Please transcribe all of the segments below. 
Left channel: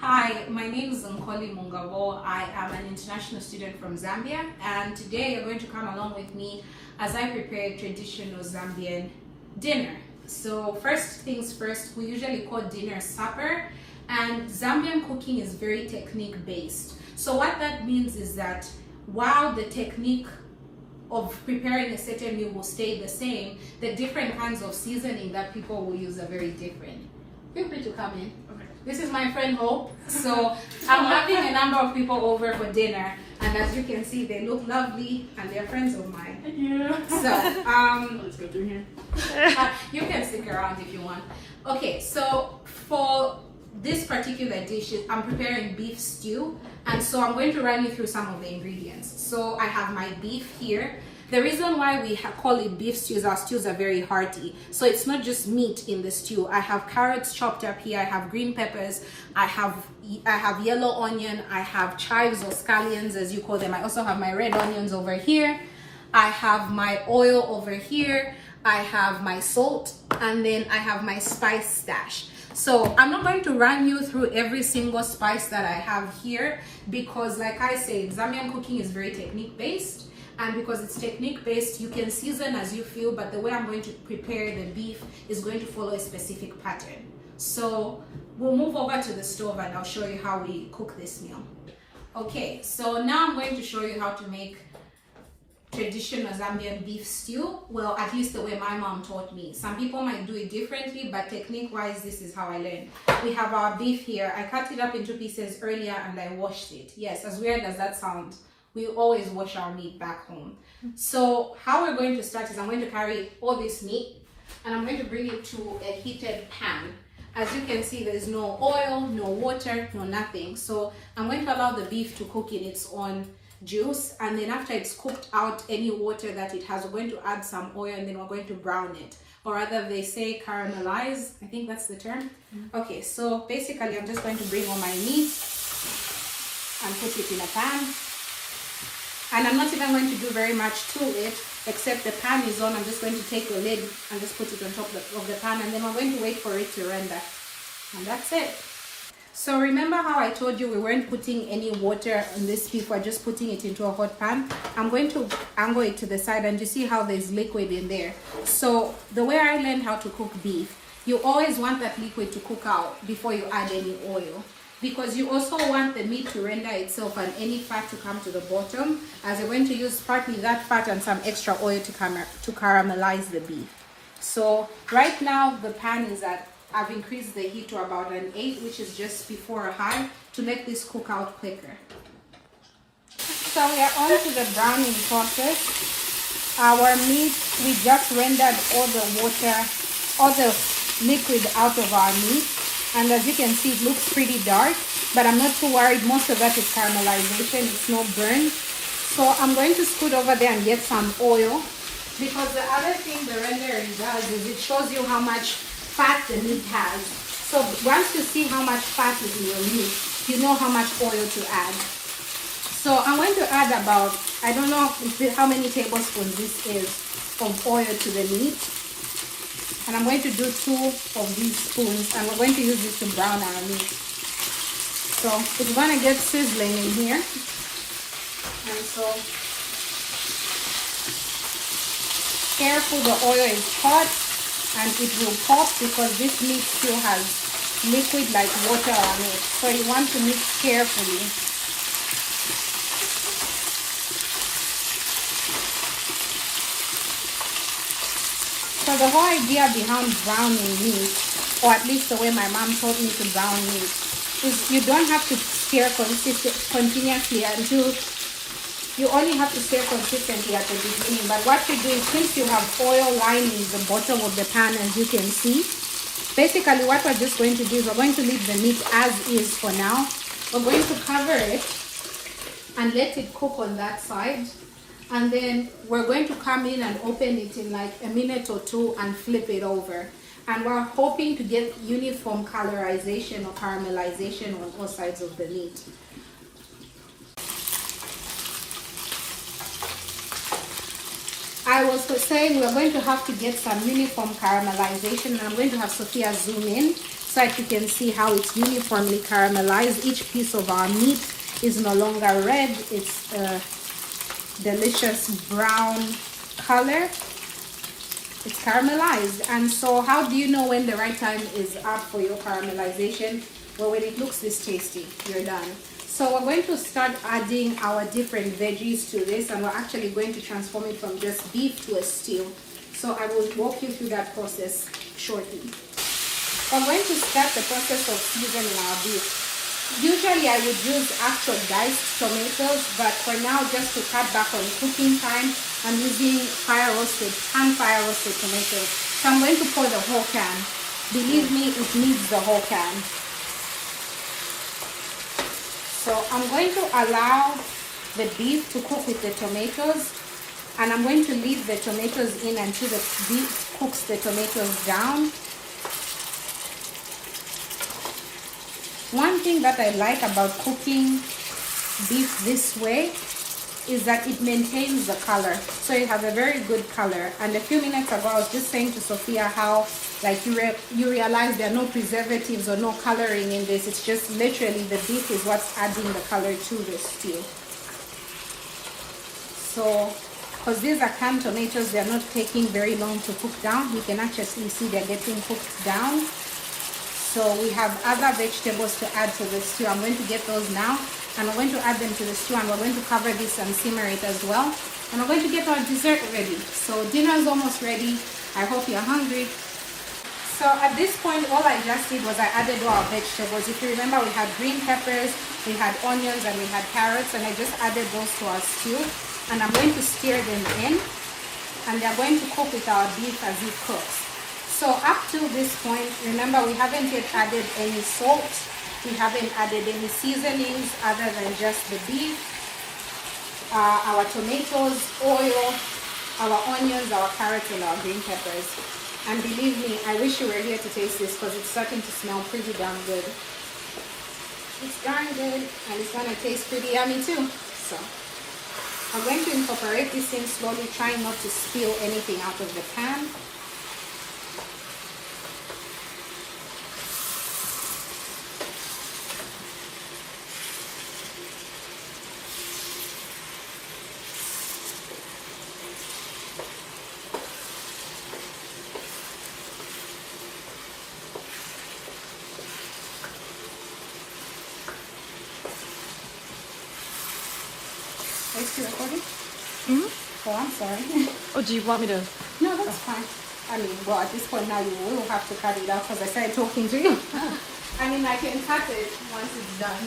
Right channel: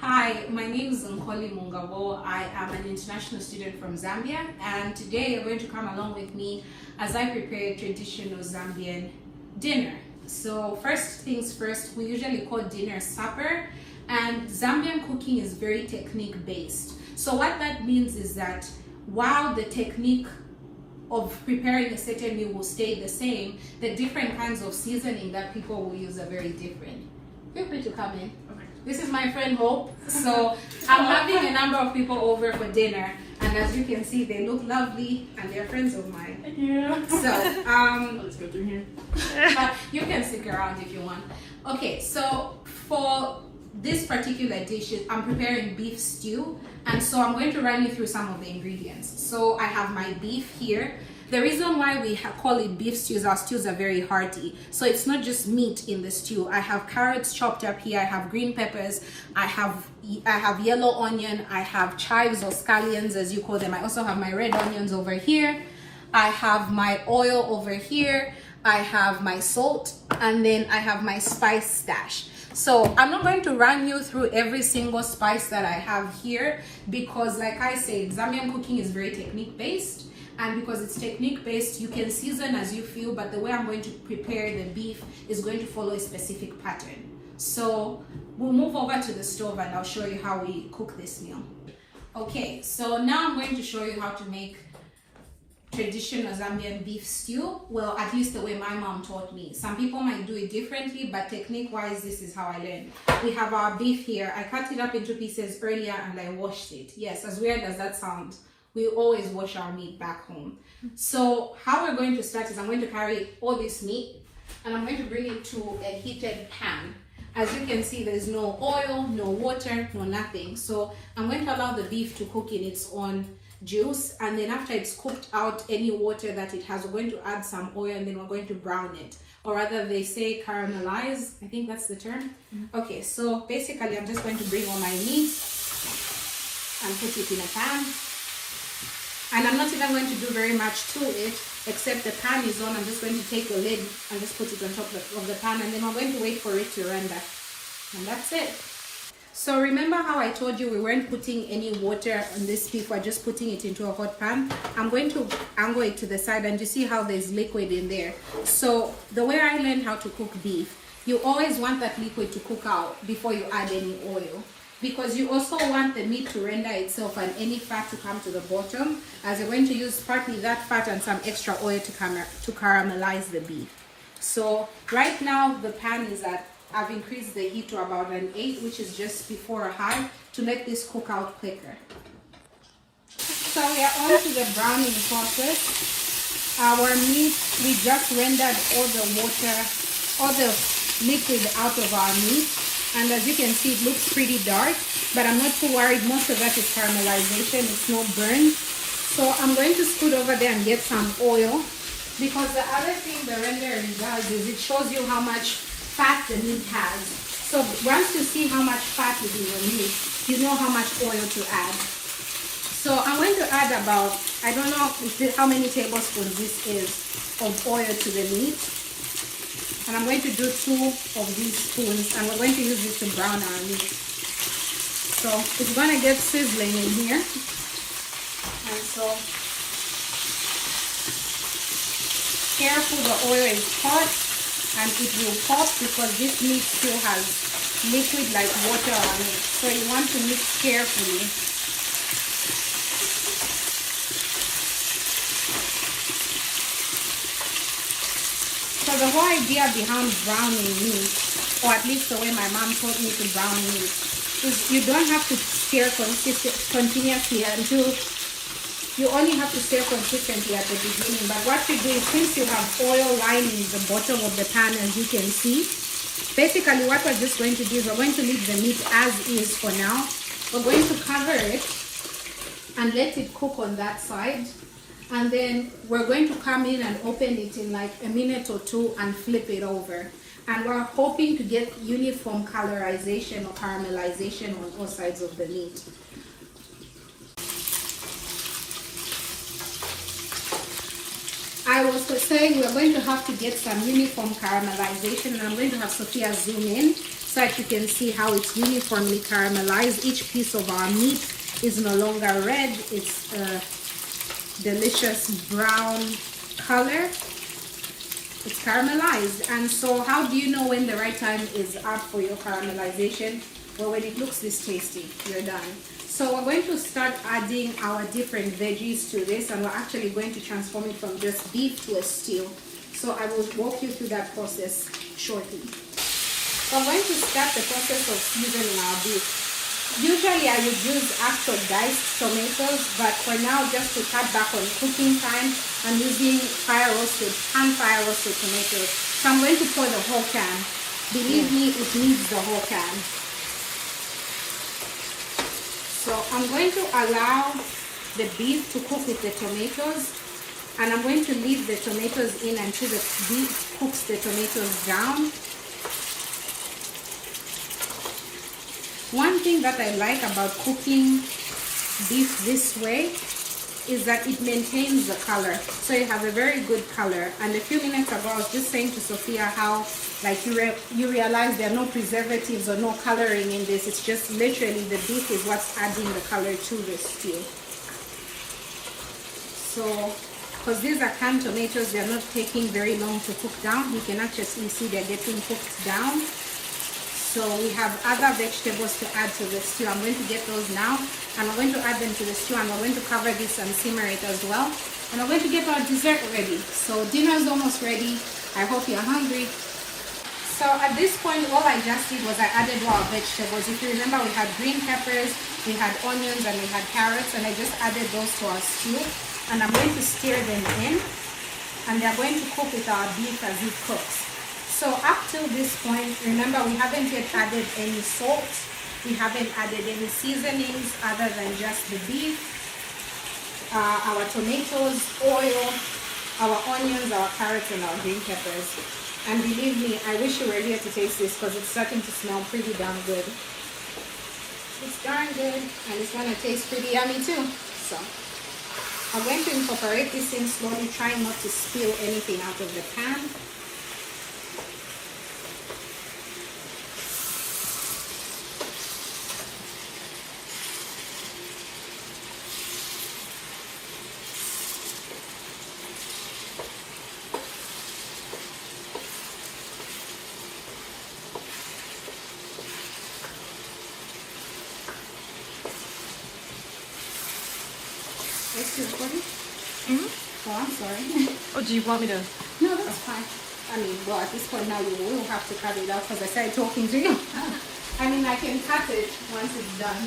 Hi, my name is Nkoli Mungabo. I am an international student from Zambia, and today you're going to come along with me as I prepare traditional Zambian dinner. So first things first, we usually call dinner supper, and Zambian cooking is very technique based. So what that means is that while the technique of preparing a certain meal will stay the same, the different kinds of seasoning that people will use are very different. Feel free to come in. This is my friend Hope. So I'm having a number of people over for dinner, and as you can see, they look lovely and they're friends of mine. Thank you. So let's go through here. you can stick around if you want. Okay, so for this particular dish, I'm preparing beef stew, and so I'm going to run you through some of the ingredients. So I have my beef here. The reason why we call it beef stews, our stews are very hearty. So it's not just meat in the stew. I have carrots chopped up here. I have green peppers. I have yellow onion. I have chives or scallions, as you call them. I also have my red onions over here. I have my oil over here. I have my salt, and then I have my spice stash. So I'm not going to run you through every single spice that I have here because, like I said, Zambian cooking is very technique based. And because it's technique based, you can season as you feel, but the way I'm going to prepare the beef is going to follow a specific pattern. So we'll move over to the stove and I'll show you how we cook this meal. Okay, so now I'm going to show you how to make traditional Zambian beef stew. Well, at least the way my mom taught me. Some people might do it differently, but technique wise, this is how I learned. We have our beef here. I cut it up into pieces earlier and I washed it. Yes, as weird as that sounds, we always wash our meat back home. So how we're going to start is I'm going to carry all this meat and I'm going to bring it to a heated pan. As you can see, there's no oil, no water, no nothing. So I'm going to allow the beef to cook in its own juice, and then after it's cooked out any water that it has, we're going to add some oil and then we're going to brown it. Or rather, they say caramelize. I think that's the term. Okay, so basically I'm just going to bring all my meat and put it in a pan. And I'm not even going to do very much to it, except the pan is on. I'm just going to take the lid and just put it on top of the pan, and then I'm going to wait for it to render. And that's it. So remember how I told you we weren't putting any water in this beef, we're just putting it into a hot pan. I'm going to angle it to the side, and you see how there's liquid in there. So the way I learned how to cook beef, you always want that liquid to cook out before you add any oil, because you also want the meat to render itself and any fat to come to the bottom, as you're going to use partly that fat and some extra oil to caramelize the beef. So right now the pan is at, I've increased the heat to about an 8, which is just before a high, to make this cook out quicker. So we are on to the browning process. Our meat, we just rendered all the water, all the liquid out of our meat. And as you can see, it looks pretty dark, but I'm not too worried. Most of that is caramelization, it's no burn. So I'm going to scoot over there and get some oil, because the other thing the rendering does is it shows you how much fat the meat has. So once you see how much fat is in your meat, you know how much oil to add. So I'm going to add about, I don't know how many tablespoons this is of oil to the meat. And I'm going to do 2 of these spoons, and we're going to use this to brown our meat. So it's going to get sizzling in here. And so careful, the oil is hot and it will pop because this meat still has liquid like water on it. So you want to mix carefully. So the whole idea behind browning meat, or at least the way my mom taught me to brown meat, is you don't have to stir continuously until, you only have to stir consistently at the beginning. But what you do is, since you have oil lining the bottom of the pan, as you can see, basically what we're just going to do is we're going to leave the meat as is for now. We're going to cover it and let it cook on that side. And then we're going to come in and open it in like a minute or 2 and flip it over. And we're hoping to get uniform colorization or caramelization on all sides of the meat. I was saying we're going to have to get some uniform caramelization, and I'm going to have Sophia zoom in so that you can see how it's uniformly caramelized. Each piece of our meat is no longer red, it's a delicious brown color. It's caramelized. And so how do you know when the right time is up for your caramelization? Well, when it looks this tasty, you're done. So we're going to start adding our different veggies to this, and we're actually going to transform it from just beef to a stew. So I will walk you through that process shortly. So I'm going to start the process of seasoning our beef. Usually I would use actual diced tomatoes, but for now, just to cut back on cooking time, I'm using pan fire roasted tomatoes. So I'm going to pour the whole can. Believe me, it needs the whole can. So I'm going to allow the beef to cook with the tomatoes, and I'm going to leave the tomatoes in until the beef cooks the tomatoes down. One thing that I like about cooking beef this way is that it maintains the color, so it has a very good color. And a few minutes ago I was just saying to Sophia how like you realize there are no preservatives or no coloring in this. It's just literally the beef is what's adding the color to the stew. So because these are canned tomatoes, they're not taking very long to cook down. You can actually see they're getting cooked down. So we have other vegetables to add to the stew. I'm going to get those now, and I'm going to add them to the stew, and we're going to cover this and simmer it as well. And we're going to get our dessert ready. So dinner's almost ready. I hope you're hungry. So at this point, all I just did was I added our vegetables. If you remember, we had green peppers, we had onions, and we had carrots, and I just added those to our stew. And I'm going to stir them in, and they're going to cook with our beef as it cooks. So up to this point, remember, we haven't yet added any salt. We haven't added any seasonings other than just the beef, our tomatoes, oil, our onions, our carrots, and our green peppers. And believe me, I wish you were here to taste this because it's starting to smell pretty damn good. It's darn good, and it's going to taste pretty yummy too. So I'm going to incorporate this in slowly, trying not to spill anything out of the pan. Oh, I'm sorry. Oh, do you want me to? No, that's fine. I mean, well, at this point now you will have to cut it out because I started talking to you. I mean, I can cut it once it's done.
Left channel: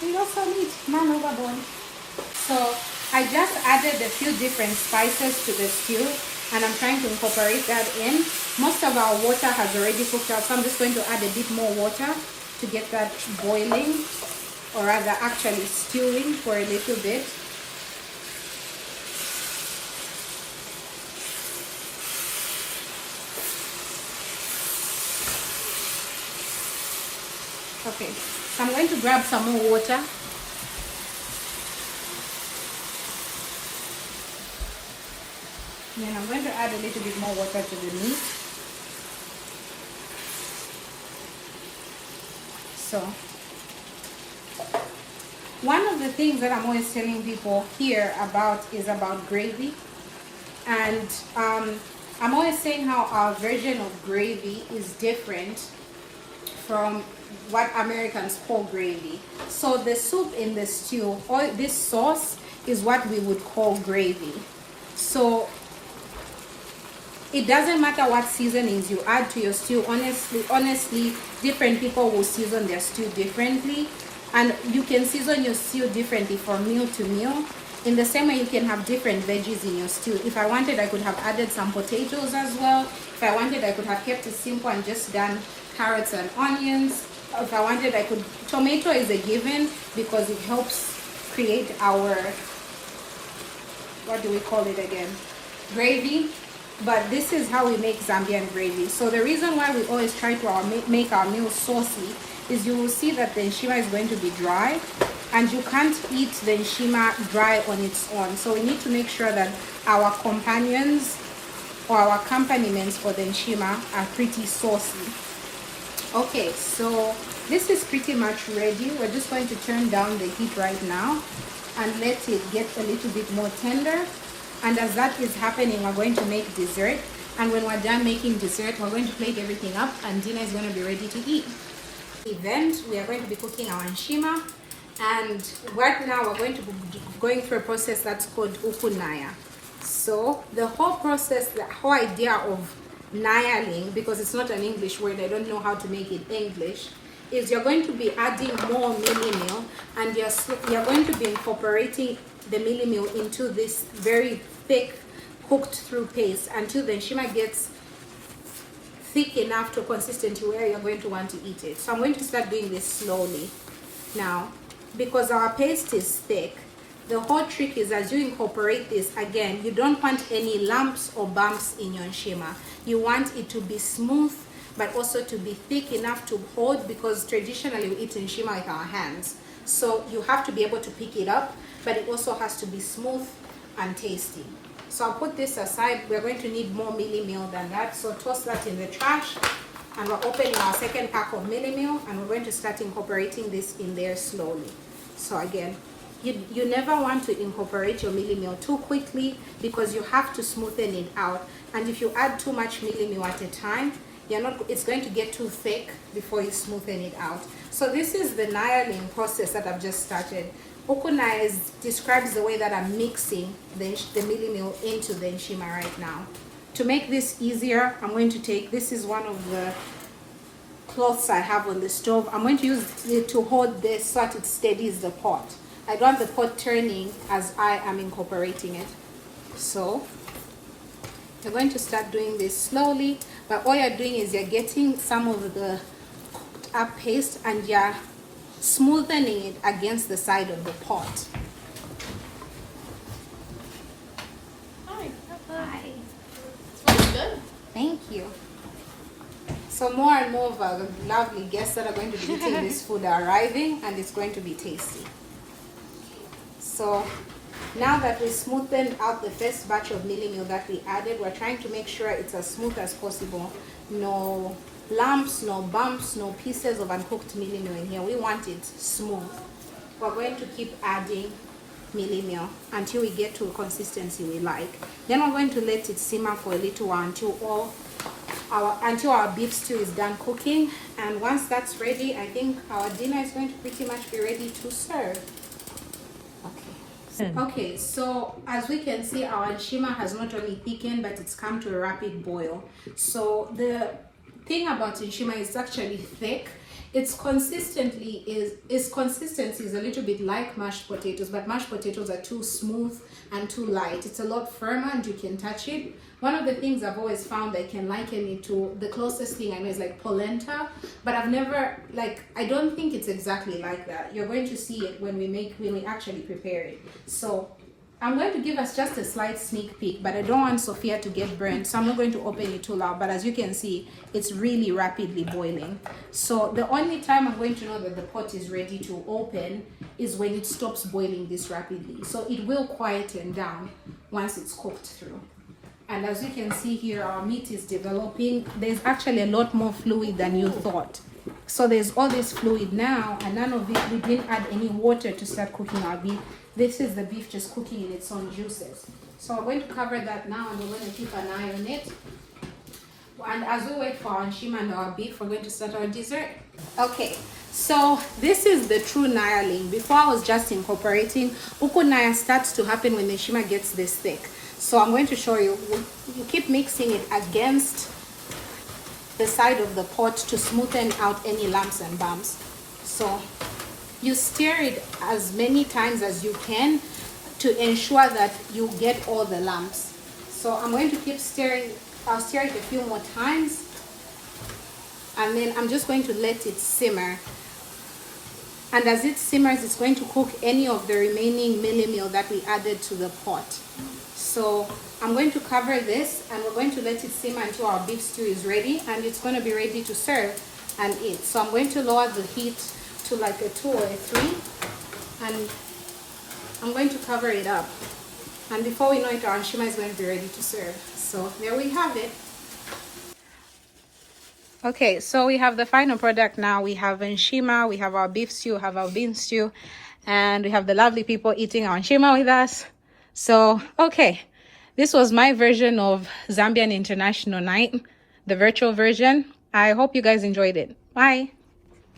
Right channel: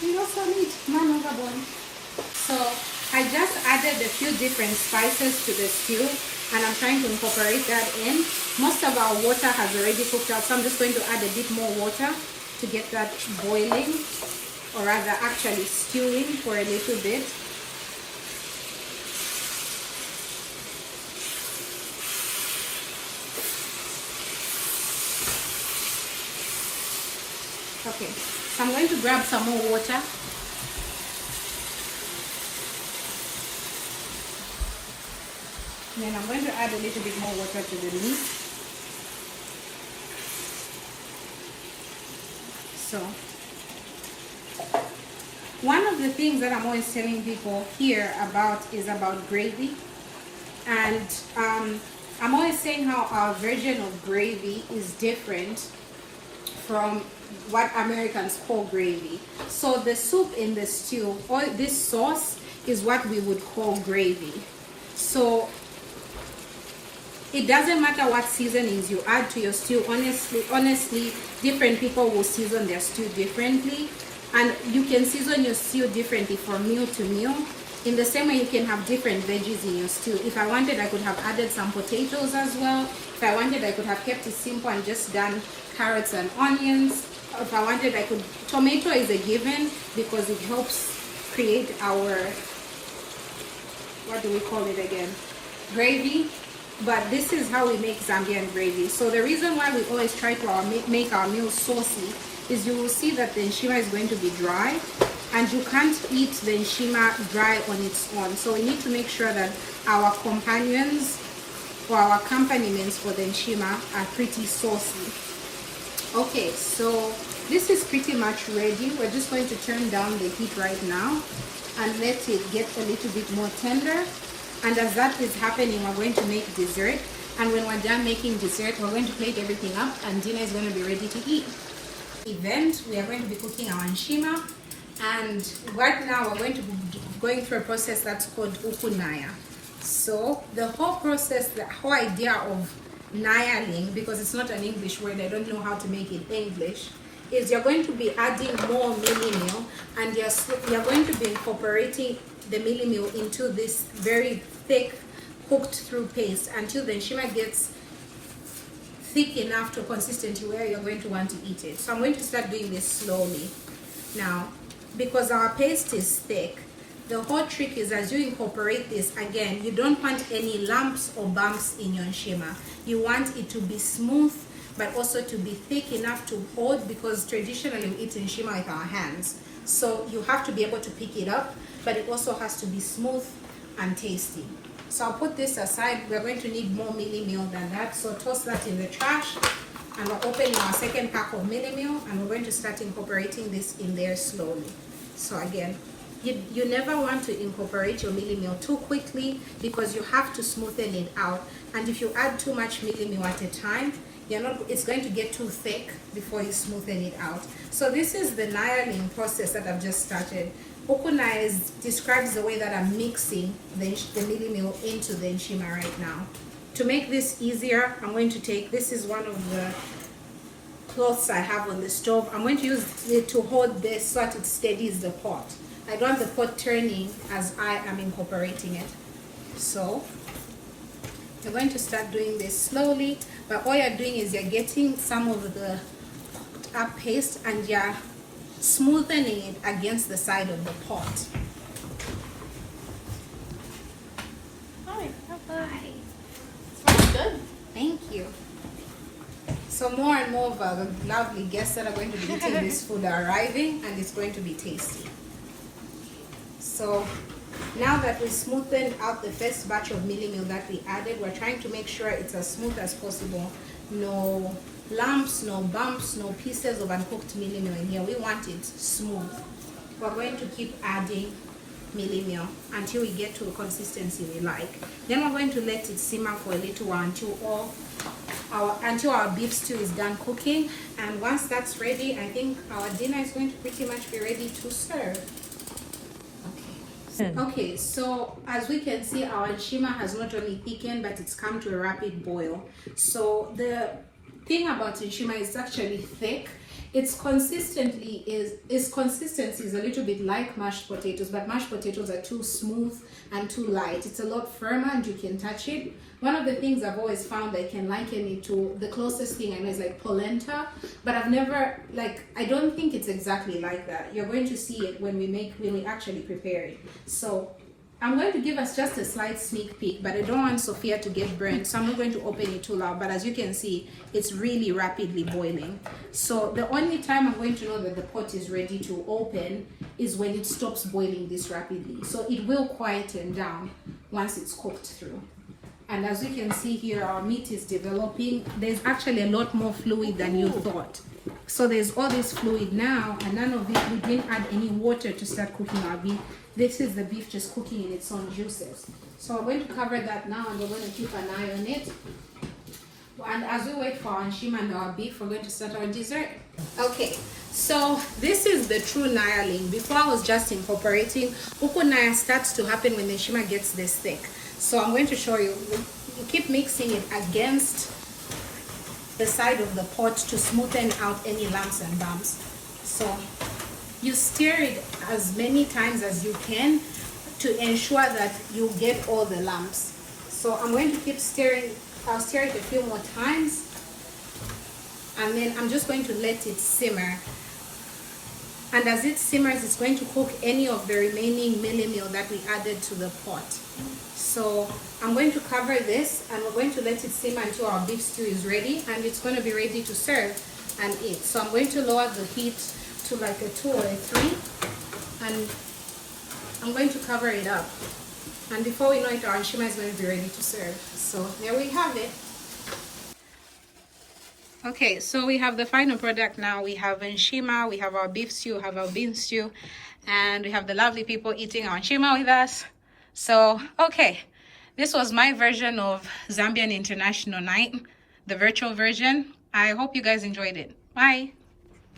You know, so neat. Man over boy. So I just added a few different spices to the stew, and I'm trying to incorporate that in. Most of our water has already cooked out, so I'm just going to add a bit more water to get that boiling, or rather actually stewing for a little bit. Okay, so I'm going to grab some more water. And then I'm going to add a little bit more water to the meat. So, one of the things that I'm always telling people here about is about gravy. And I'm always saying how our version of gravy is different from what Americans call gravy. So the soup in the stew, or this sauce, is what we would call gravy. So it doesn't matter what seasonings you add to your stew. Honestly, different people will season their stew differently, and you can season your stew differently from meal to meal. In the same way, you can have different veggies in your stew. If I wanted, I could have added some potatoes as well. If I wanted, I could have kept it simple and just done carrots and onions. If I wanted, I could. Tomato is a given because it helps create our, what do we call it again? Gravy. But this is how we make Zambian gravy. So the reason why we always try to make our meals saucy is you will see that the Nshima is going to be dry, and you can't eat the Nshima dry on its own. So we need to make sure that our companions or our accompaniments for the Nshima are pretty saucy. Okay, so this is pretty much ready. We're just going to turn down the heat right now and let it get a little bit more tender. And as that is happening, we're going to make dessert. And when we're done making dessert, we're going to plate everything up and dinner is going to be ready to eat. Event, we are going to be cooking our Nshima. And right now we're going to be going through a process that's called ukunaya. So the whole process, the whole idea of nayaling, because it's not an English word, I don't know how to make it English, is you're going to be adding more mealie meal, and you're going to be incorporating the mealie meal into this very thick cooked through paste until the Nshima gets thick enough to a consistency where you're going to want to eat it. So I'm going to start doing this slowly. Now, because our paste is thick, the whole trick is as you incorporate this, again, you don't want any lumps or bumps in your Nshima. You want it to be smooth, but also to be thick enough to hold, because traditionally we eat Nshima with our hands. So you have to be able to pick it up, but it also has to be smooth and tasty. So I'll put this aside. We're going to need more mealie meal than that. So toss that in the trash. And we're opening our second pack of mealie meal, and we're going to start incorporating this in there slowly. So again, you never want to incorporate your mealie meal too quickly, because you have to smoothen it out. And if you add too much mealie meal at a time, it's going to get too thick before you smoothen it out. So this is the nayaling process that I've just started. Ukunaya describes the way that I'm mixing the mealie meal into the Nshima right now. To make this easier, I'm going to take, this is one of the cloths I have on the stove. I'm going to use it to hold this so that it steadies the pot. I don't want the pot turning as I am incorporating it. So you're going to start doing this slowly, but all you're doing is you're getting some of the cooked up paste and you're smoothing it against the side of the pot. Hi. Thank you. So more and more of our lovely guests that are going to be eating this food are arriving, and it's going to be tasty. So now that we smoothened out the first batch of mealie meal that we added, we're trying to make sure it's as smooth as possible. No lumps, no bumps, no pieces of uncooked mealie meal in here. We want it smooth. We're going to keep adding mealie meal until we get to a consistency we like. Then we're going to let it simmer for a little while until our beef stew is done cooking. And once that's ready, I think our dinner is going to pretty much be ready to serve. Okay, so as we can see, our Nshima has not only thickened, but it's come to a rapid boil. So the thing about Nshima is actually thick. Its consistency is a little bit like mashed potatoes, but mashed potatoes are too smooth and too light. It's a lot firmer and you can touch it. One of the things I've always found I can liken it to, the closest thing I know is like polenta, but I've never, I don't think it's exactly like that. You're going to see it when we actually prepare it. So I'm going to give us just a slight sneak peek, but I don't want Sophia to get burnt, so I'm not going to open it too loud. But as you can see, it's really rapidly boiling. So the only time I'm going to know that the pot is ready to open is when it stops boiling this rapidly. So it will quieten down once it's cooked through. And as you can see here, our meat is developing. There's actually a lot more fluid than you thought. So there's all this fluid now, and none of it, we didn't add any water to start cooking our beef. This is the beef just cooking in its own juices. So we're going to cover that now, and we're going to keep an eye on it. And as we wait for our Nshima and our beef, we're going to start our dessert. Okay, so this is the true nayaling. Before I was just incorporating, ukunaya starts to happen when the Nshima gets this thick. So I'm going to show you. You keep mixing it against the side of the pot to smoothen out any lumps and bumps. So you stir it as many times as you can to ensure that you get all the lumps. So I'm going to keep stirring. I'll stir it a few more times, and then I'm just going to let it simmer. And as it simmers, it's going to cook any of the remaining mealie meal that we added to the pot. So I'm going to cover this, and we're going to let it simmer until our beef stew is ready, and it's going to be ready to serve and eat. So I'm going to lower the heat to like a 2 or a 3, and I'm going to cover it up. And before we know it, our Nshima is going to be ready to serve. So there we have it. Okay, so we have the final product now. We have Nshima, we have our beef stew, we have our bean stew, and we have the lovely people eating our Nshima with us. So, okay, this was my version of Zambian International Night, the virtual version. I hope you guys enjoyed it. Bye.